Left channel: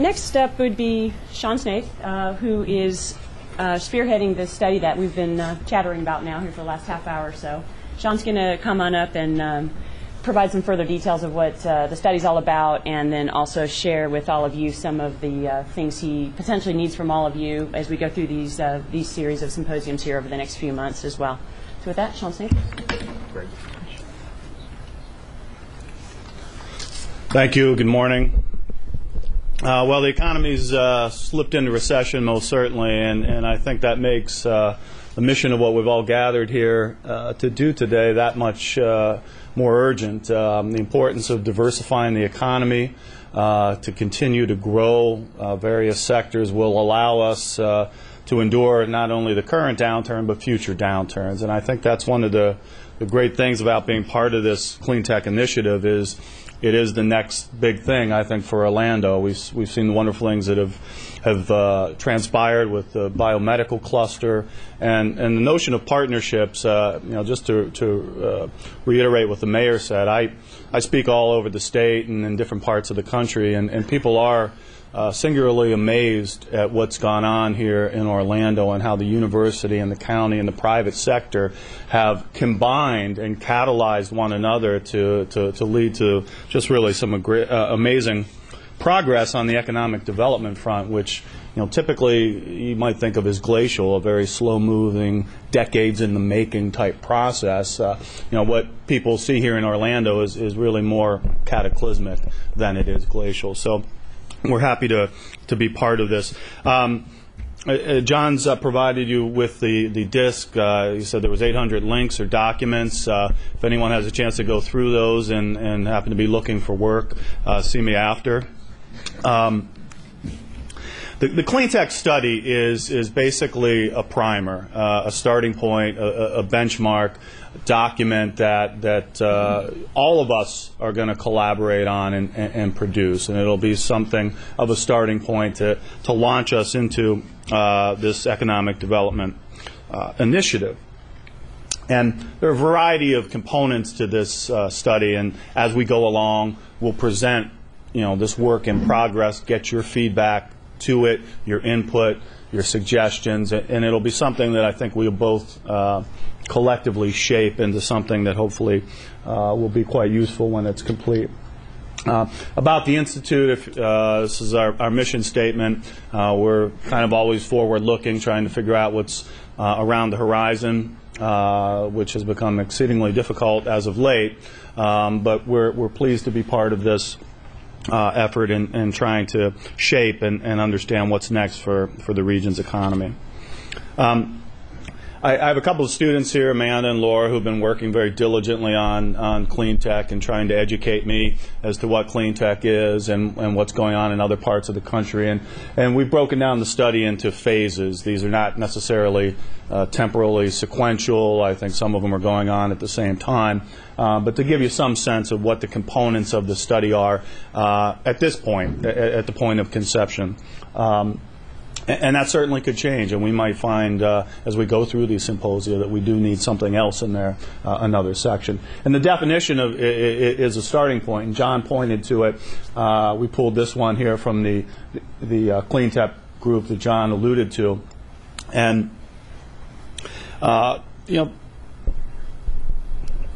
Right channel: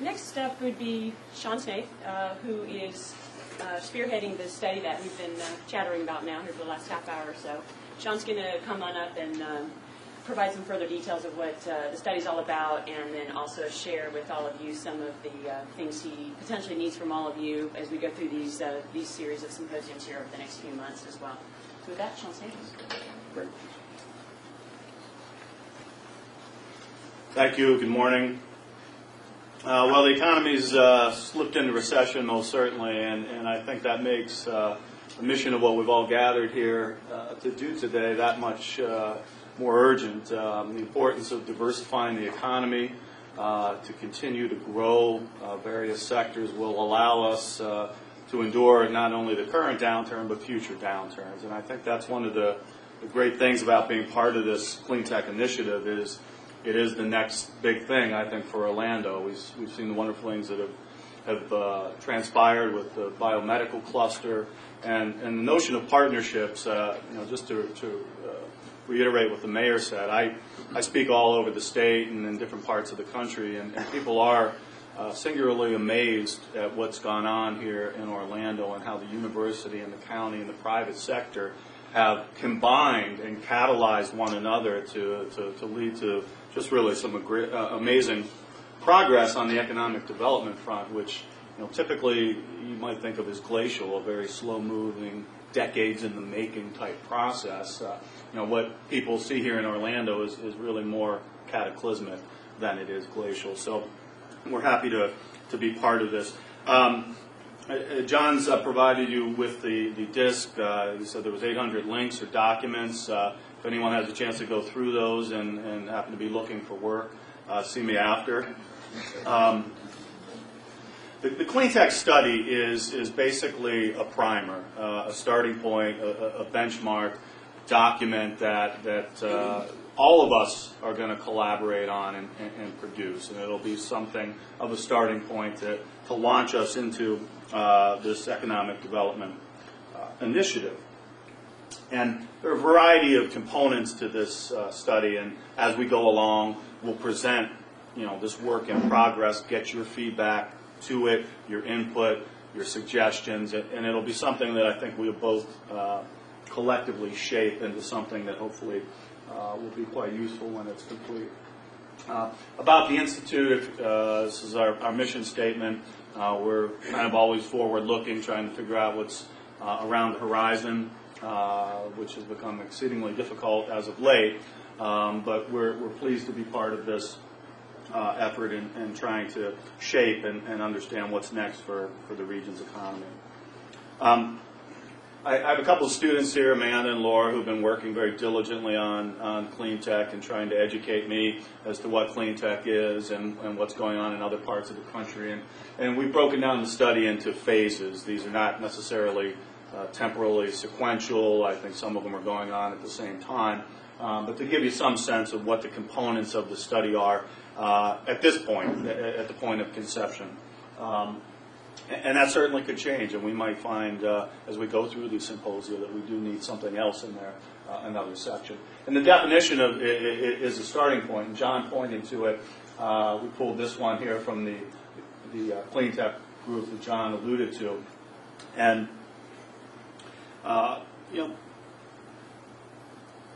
Next up would be Sean Snaith, who is spearheading the study that we've been chattering about now here for the last half hour or so. Sean's going to come on up and provide some further details of what the study's all about, and then also share with all of you some of the things he potentially needs from all of you as we go through these series of symposiums here over the next few months as well. So with that, Sean Snaith. Great. Thank you. Good morning. Well, the economy's slipped into recession, most certainly, and I think that makes the mission of what we've all gathered here to do today that much more urgent. The importance of diversifying the economy to continue to grow various sectors will allow us to endure not only the current downturn but future downturns. And I think that's one of the great things about being part of this clean tech initiative is it is the next big thing, I think, for Orlando. We've seen the wonderful things that have transpired with the biomedical cluster and the notion of partnerships. Just to reiterate what the mayor said, I speak all over the state and in different parts of the country, and people are singularly amazed at what's gone on here in Orlando and how the university and the county and the private sector have combined and catalyzed one another to lead to just really some amazing progress on the economic development front, which typically you might think of as glacial, a very slow-moving, decades in the making type process. What people see here in Orlando is really more cataclysmic than it is glacial. So we're happy to be part of this. John's provided you with the disc. He said there was 800 links or documents. If anyone has a chance to go through those and happen to be looking for work, see me after. The clean tech study is basically a primer, a starting point, a benchmark document that all of us are going to collaborate on and produce, and it'll be something of a starting point to launch us into this economic development initiative. And there are a variety of components to this study, and as we go along, we'll present this work in progress, get your feedback to it, your input, your suggestions, and it'll be something that I think we'll both collectively shape into something that hopefully will be quite useful when it's complete. About the Institute, this is our mission statement. We're kind of always forward-looking, trying to figure out what's around the horizon, which has become exceedingly difficult as of late. But we're pleased to be part of this effort in trying to shape and understand what's next for the region's economy. I have a couple of students here, Amanda and Laura, who've been working very diligently on clean tech and trying to educate me as to what clean tech is and what's going on in other parts of the country. And we've broken down the study into phases. These are not necessarily temporally sequential. I think some of them are going on at the same time. But to give you some sense of what the components of the study are at this point, at the point of conception. And that certainly could change, and we might find as we go through these symposia that we do need something else in there, another section. And the definition of is a starting point, and John pointed to it. We pulled this one here from the clean tech group that John alluded to. And,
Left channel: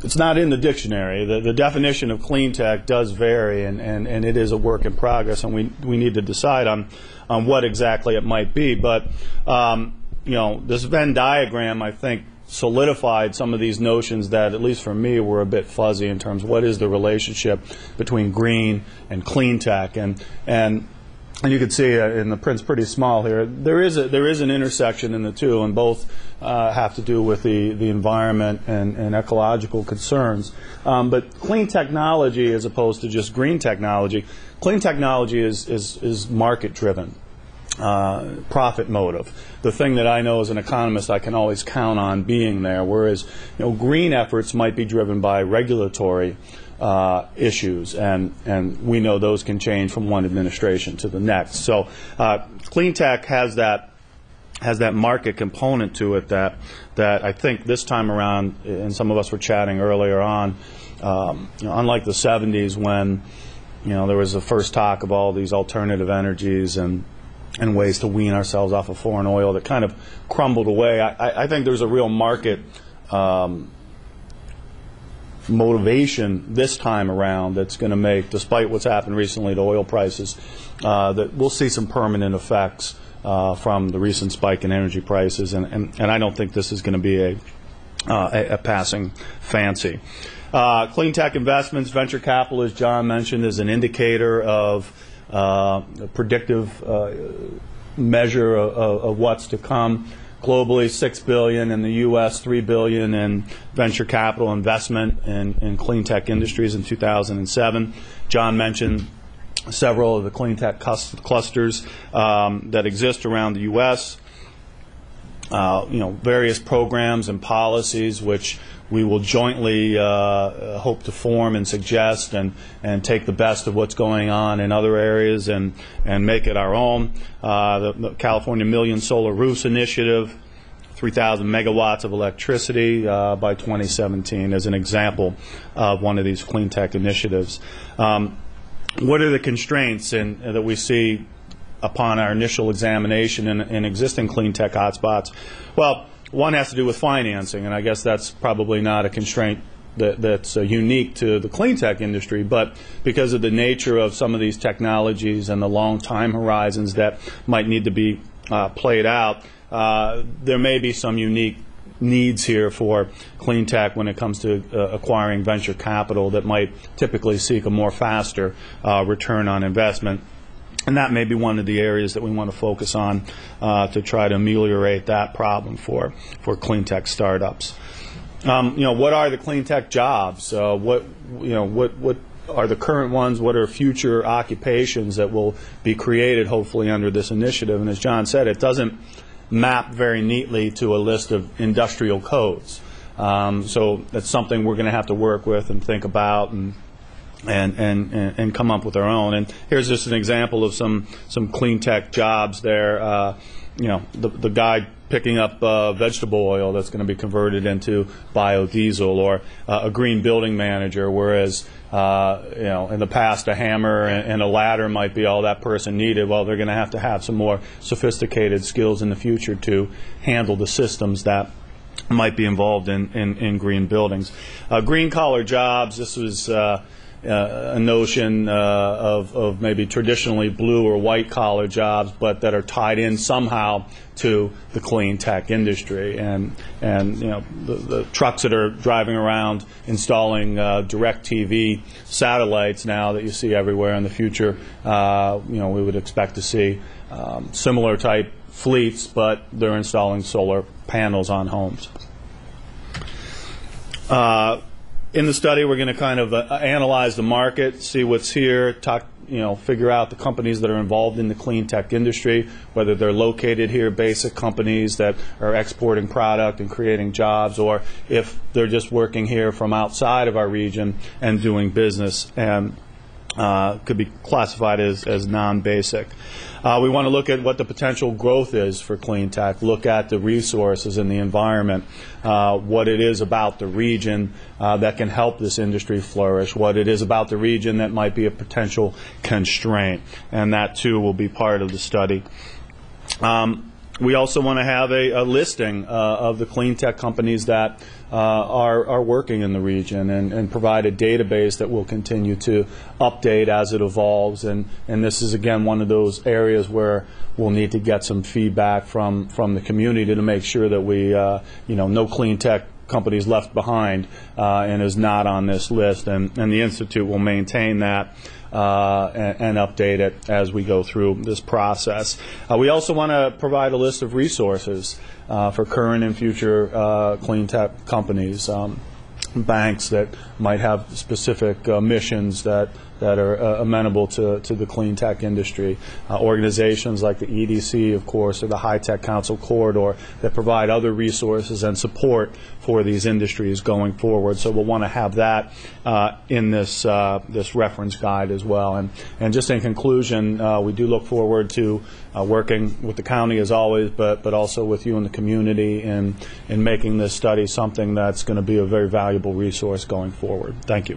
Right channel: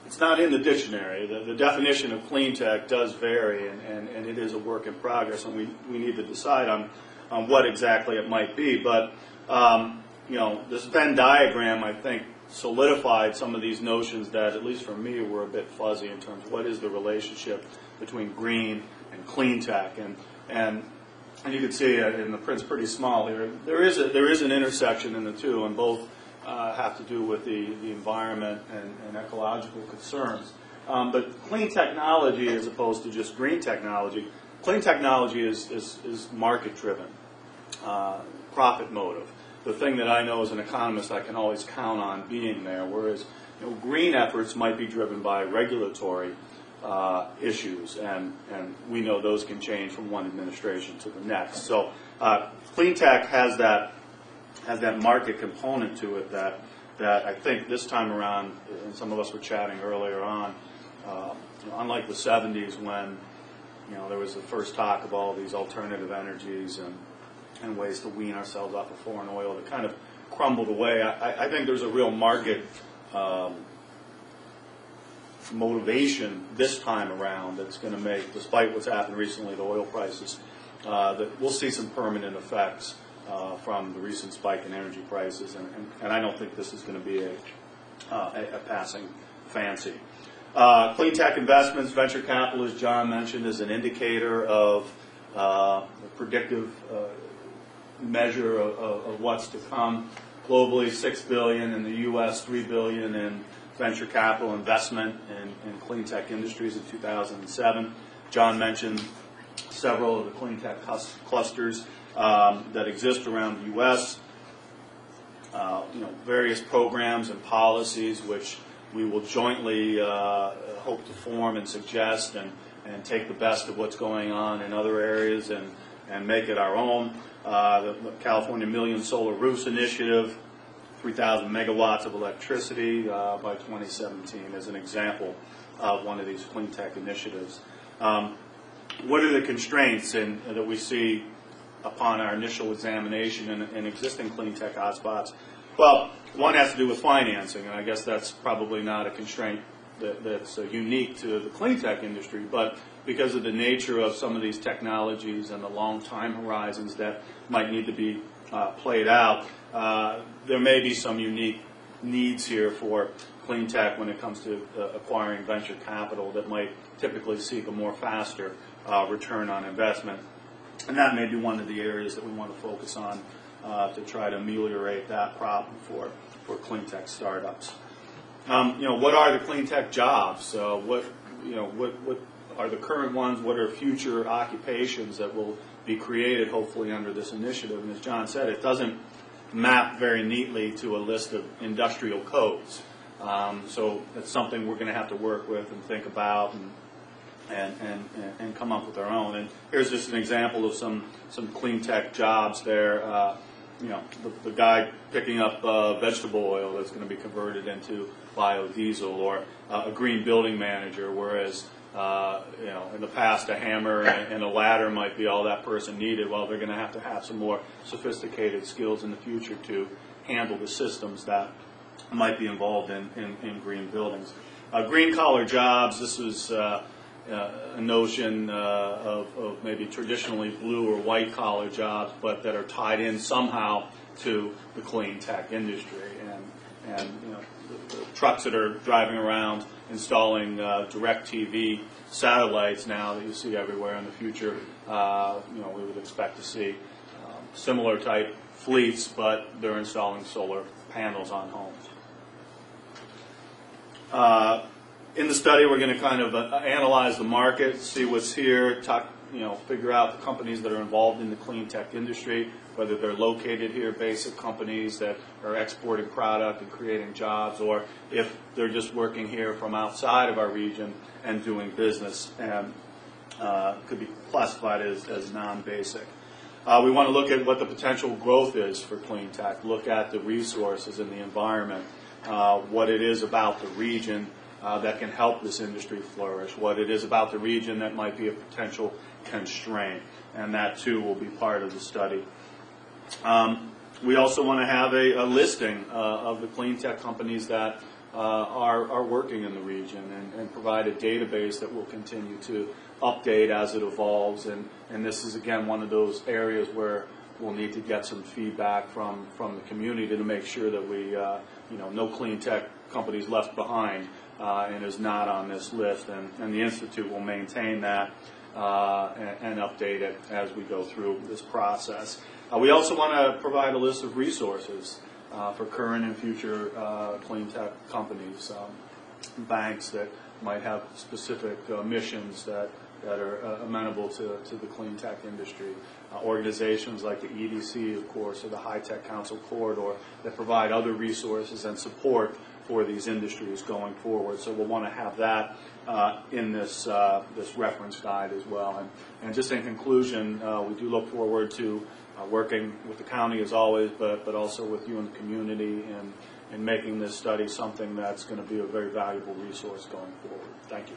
it's not in the dictionary. The definition of clean tech does vary, and it is a work in progress, and we need to decide on what exactly it might be. But, this Venn diagram, I think, solidified some of these notions that, at least for me, were a bit fuzzy in terms of what is the relationship between green and clean tech. And you can see in the print's pretty small here, there is an intersection in the two, and both have to do with the environment and ecological concerns. But clean technology, as opposed to just green technology, clean technology is market-driven, profit motive. The thing that I know as an economist I can always count on being there, whereas green efforts might be driven by regulatory issues, and we know those can change from one administration to the next. So clean tech has that market component to it that I think this time around, and some of us were chatting earlier on, unlike the 70s when there was the first talk of all these alternative energies and ways to wean ourselves off of foreign oil that kind of crumbled away. I think there's a real market motivation this time around that's going to make, despite what's happened recently to oil prices, that we'll see some permanent effects from the recent spike in energy prices, and I don't think this is going to be a passing fancy. Clean tech investments, venture capital, as John mentioned, is an indicator of a predictive measure of what's to come. Globally, $6 billion in the U.S., $3 billion in venture capital investment in clean tech industries in 2007. John mentioned several of the clean tech clusters that exist around the U.S. Various programs and policies which we will jointly hope to form and suggest and take the best of what's going on in other areas and make it our own. The California Million Solar Roofs Initiative, 3,000 megawatts of electricity by 2017 as an example of one of these clean tech initiatives. What are the constraints that we see upon our initial examination in existing clean tech hotspots? Well, one has to do with financing, and I guess that's probably not a constraint that's unique to the clean tech industry, but because of the nature of some of these technologies and the long time horizons that might need to be played out, there may be some unique needs here for clean tech when it comes to acquiring venture capital that might typically seek a more faster return on investment. And that may be one of the areas that we want to focus on to try to ameliorate that problem for clean tech startups. What are the clean tech jobs? What are the current ones? What are future occupations that will be created, hopefully, under this initiative? And as John said, it doesn't map very neatly to a list of industrial codes. So that's something we're going to have to work with and think about and come up with our own. And here's just an example of some clean tech jobs there. The guy picking up vegetable oil that's going to be converted into biodiesel, or a green building manager, whereas in the past a hammer and a ladder might be all that person needed. Well, they're going to have some more sophisticated skills in the future to handle the systems that might be involved in green buildings. Green collar jobs, this was a notion of maybe traditionally blue or white collar jobs, but that are tied in somehow to the clean tech industry, and the trucks that are driving around installing direct TV satellites now that you see everywhere in the future, we would expect to see similar type fleets, but they're installing solar panels on homes. In the study, we're going to kind of analyze the market, see what's here, figure out the companies that are involved in the clean tech industry, whether they're located here, basic companies that are exporting product and creating jobs, or if they're just working here from outside of our region and doing business and could be classified as non-basic. We want to look at what the potential growth is for clean tech, look at the resources and the environment, what it is about the region that can help this industry flourish, what it is about the region that might be a potential constraint, and that too will be part of the study. We also want to have a listing of the clean tech companies that are working in the region and provide a database that we'll continue to update as it evolves. And this is, again, one of those areas where we'll need to get some feedback from the community to make sure that we, no clean tech companies left behind and is not on this list. And the Institute will maintain that and update it as we go through this process. We also want to provide a list of resources for current and future clean tech companies, banks that might have specific missions that are amenable to the clean tech industry, organizations like the EDC, of course, or the High Tech Council Corridor that provide other resources and support for these industries going forward. So we'll want to have that in this reference guide as well. And just in conclusion, we do look forward to working with the county as always, but also with you and the community in making this study something that's going to be a very valuable resource going forward. Thank you.